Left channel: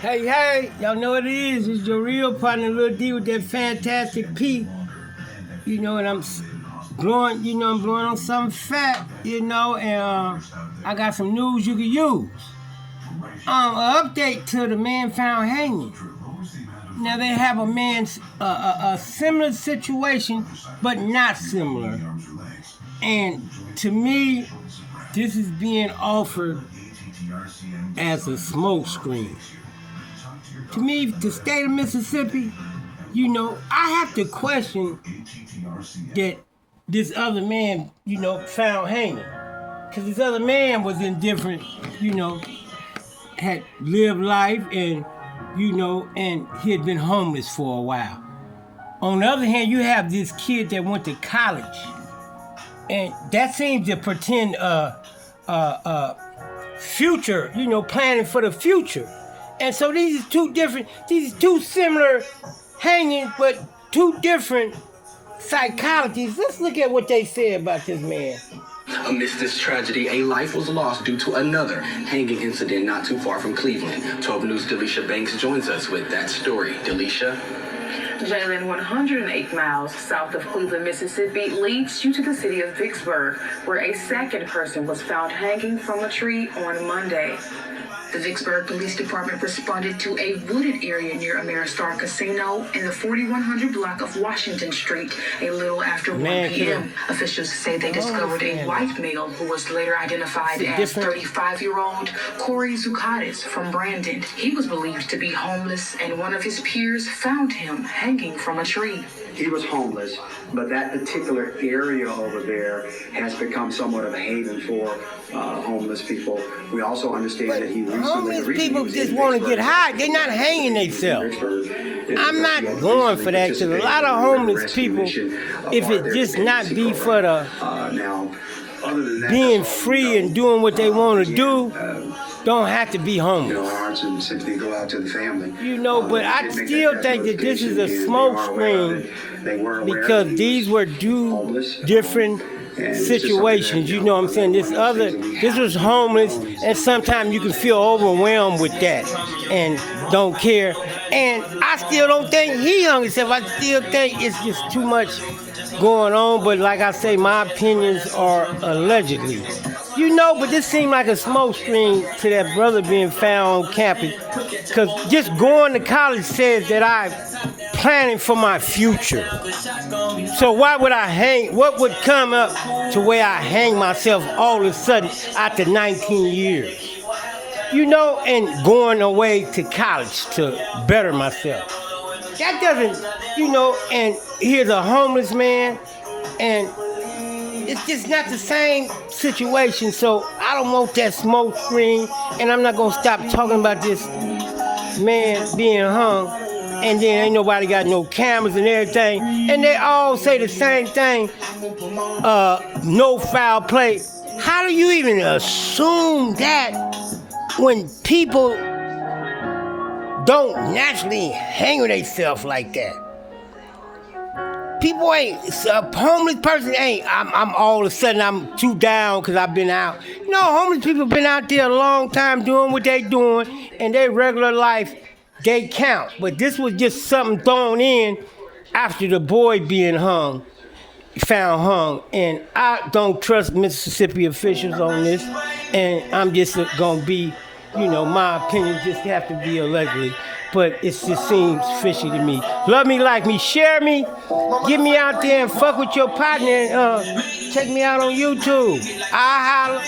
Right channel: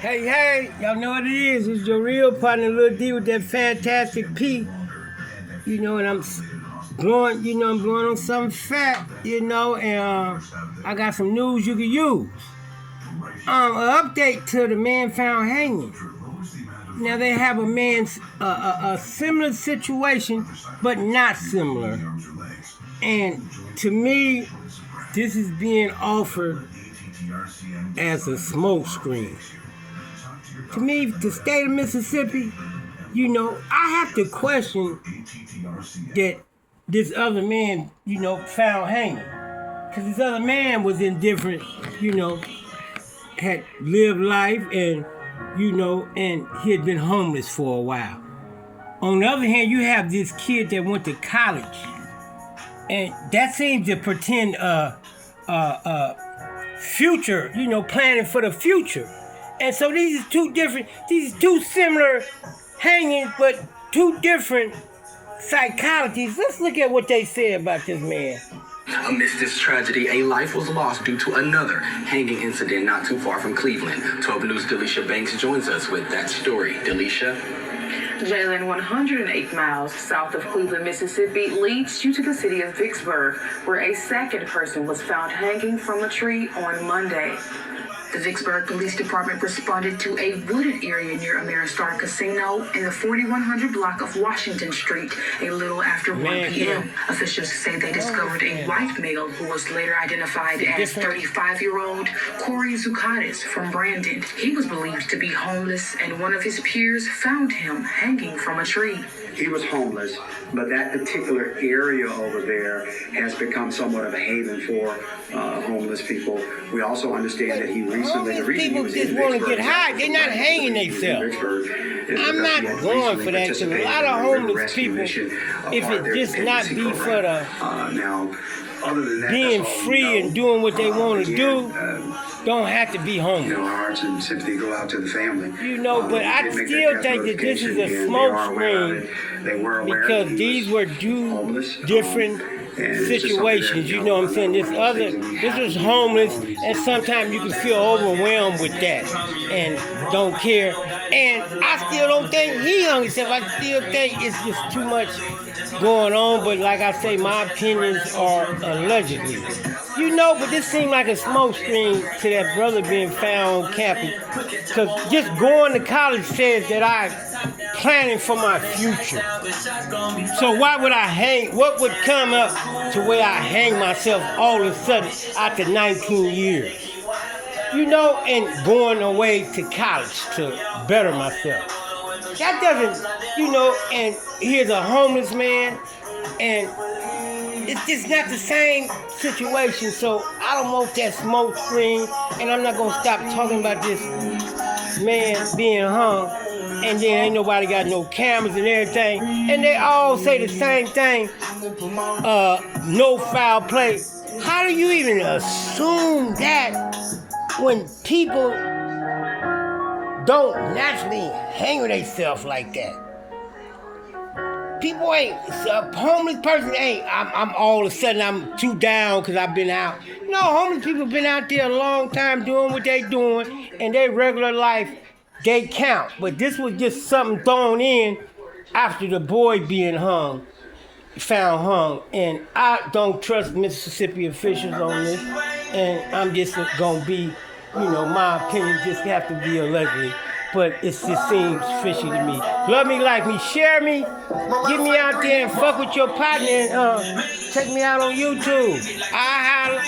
Hey, y'all know what it is. It's your real partner, Lil D, with that fantastic P. And I'm blowing, I'm blowing on something fat, and I got some news you can use. An update to the man found hanging. Now they have a man's a similar situation, but not similar. And to me, this is being offered as a smokescreen. To me, the state of Mississippi, I have to question that this other man, found hanging. Because this other man was indifferent, had lived life and, and he had been homeless for a while. On the other hand, you have this kid that went to college. And that seems to pretend future, planning for the future. And so these are two similar hangings, but two different psychologies. Let's look at what they say about this man. Amidst this tragedy, a life was lost due to another hanging incident not too far from Cleveland. 12 News' Delisha Banks joins us with that story. Delisha? Jalen, 108 miles south of Cleveland, Mississippi, leads you to the city of Vicksburg, where a second person was found hanging from a tree on Monday. The Vicksburg Police Department responded to a wooded area near Ameristar Casino in the 4100 block of Washington Street a little after 1 p.m. Officials say they discovered a white male who was later identified as 35-year-old Corey Zucadis from Brandon. He was believed to be homeless, and one of his peers found him hanging from a tree. He was homeless, but that particular area over there has become somewhat of a haven for homeless people. We also understand that he recently... Homeless people just want to get high. They're not hanging themselves. I'm not going for that, because a lot of homeless people, if it just not be for the being free and doing what they want to do, don't have to be homeless. Our hearts and sympathy go out to the family. But I still think that this is a smoke screen, because these were two different situations. You know what I'm saying? This was homeless, and sometimes you can feel overwhelmed with that and don't care. And I still don't think he hung himself. I still think it's just too much going on. But like I say, my opinions are allegedly. But this seemed like a smoke screen to that brother being found on campus. Because just going to college says that I'm planning for my future. So why would I hang? What would come up to where I hang myself all of a sudden after 19 years? And going away to college to better myself. That doesn't, and here's a homeless man, and it's just not the same situation. So I don't want that smoke screen, and I'm not going to stop talking about this man being hung, and then ain't nobody got no cameras and everything, and they all say the same thing, no foul play. How do you even assume that when people don't naturally hang with themselves like that? People ain't, a homeless person ain't, I'm all of a sudden I'm too down because I've been out. Homeless people been out there a long time doing what they doing, and their regular life, they count. But this was just something thrown in after the boy being found hung. And I don't trust Mississippi officials on this, and I'm just gonna be, my opinion just have to be allegedly. But it just seems fishy to me. Love me, like me, share me, get me out there and fuck with your partner, and check me out on YouTube. I'll holler.